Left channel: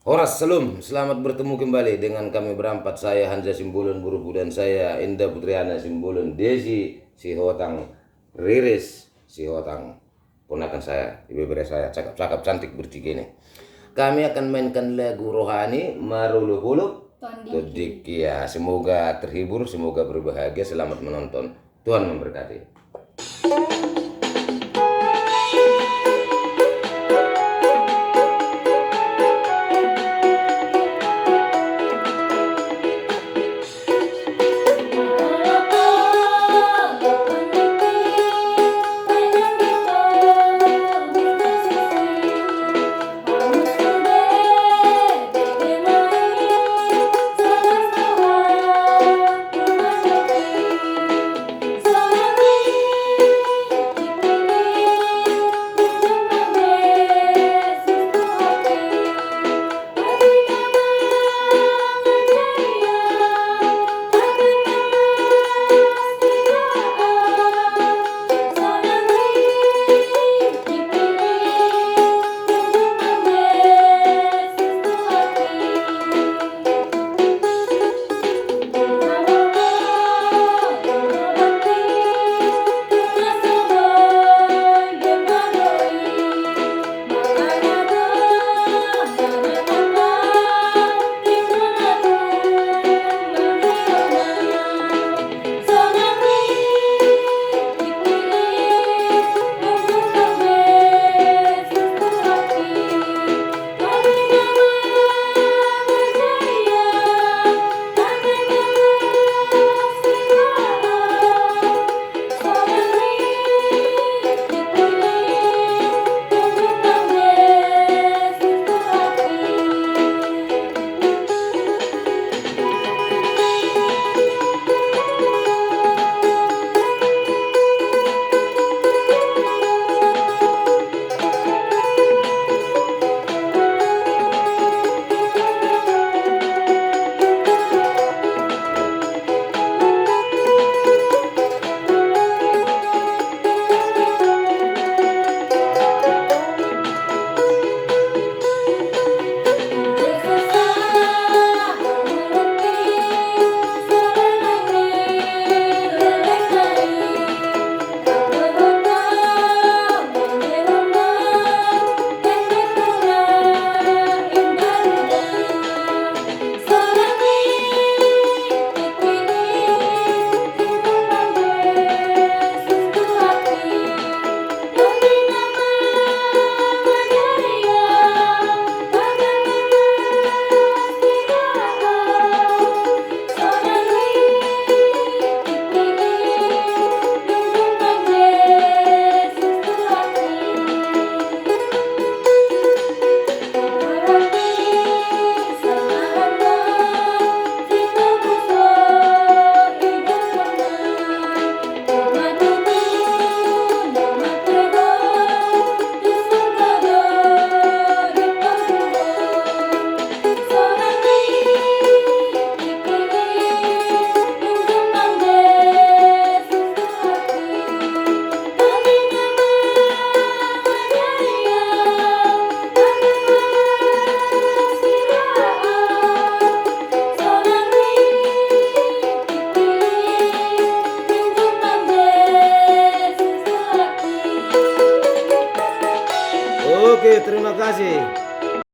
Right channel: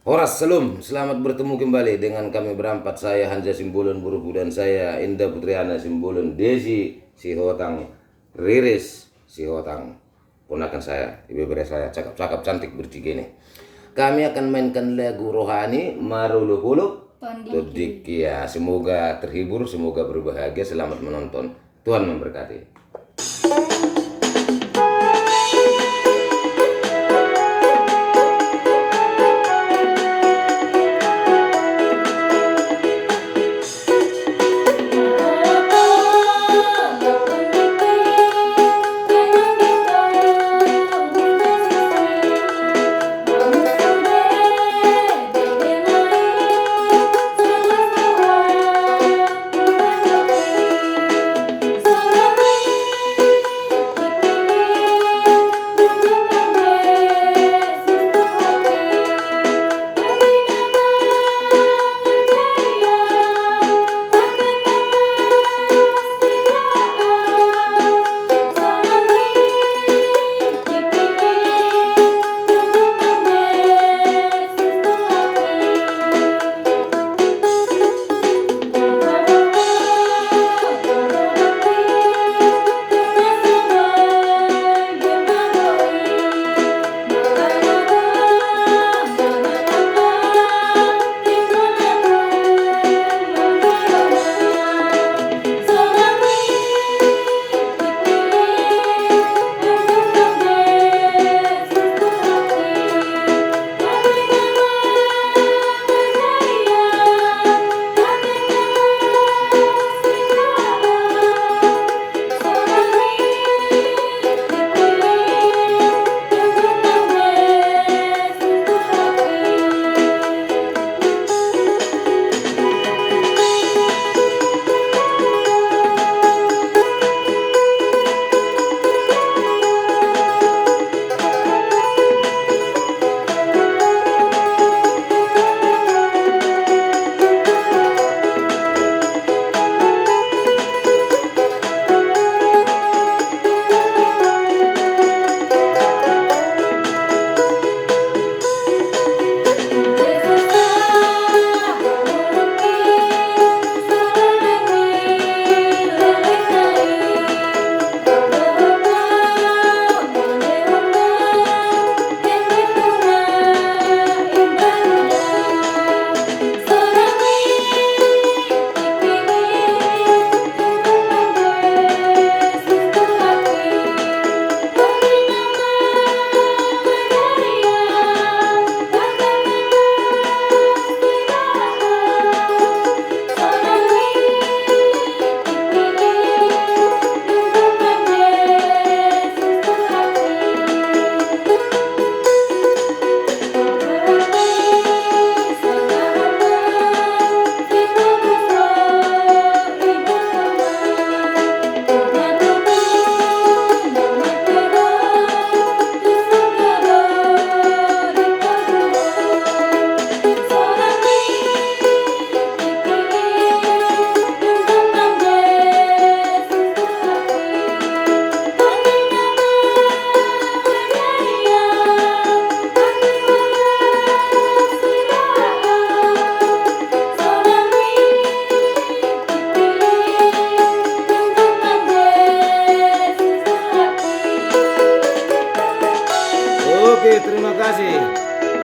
Horas, salam, selamat bertemu kembali dengan kami berempat. Saya Hanja Simbolon Burubu dan saya Indah Putriana Simbolon, Desi Sihotang, Riris Sihotang, ponakan saya, ibu saya, cakap-cakap cantik bertiga ini. Kami akan mainkan lagu rohani Marulu Hulu Todik. Ya, semoga terhibur, semoga berbahagia, selamat menonton. Tuhan memberkati.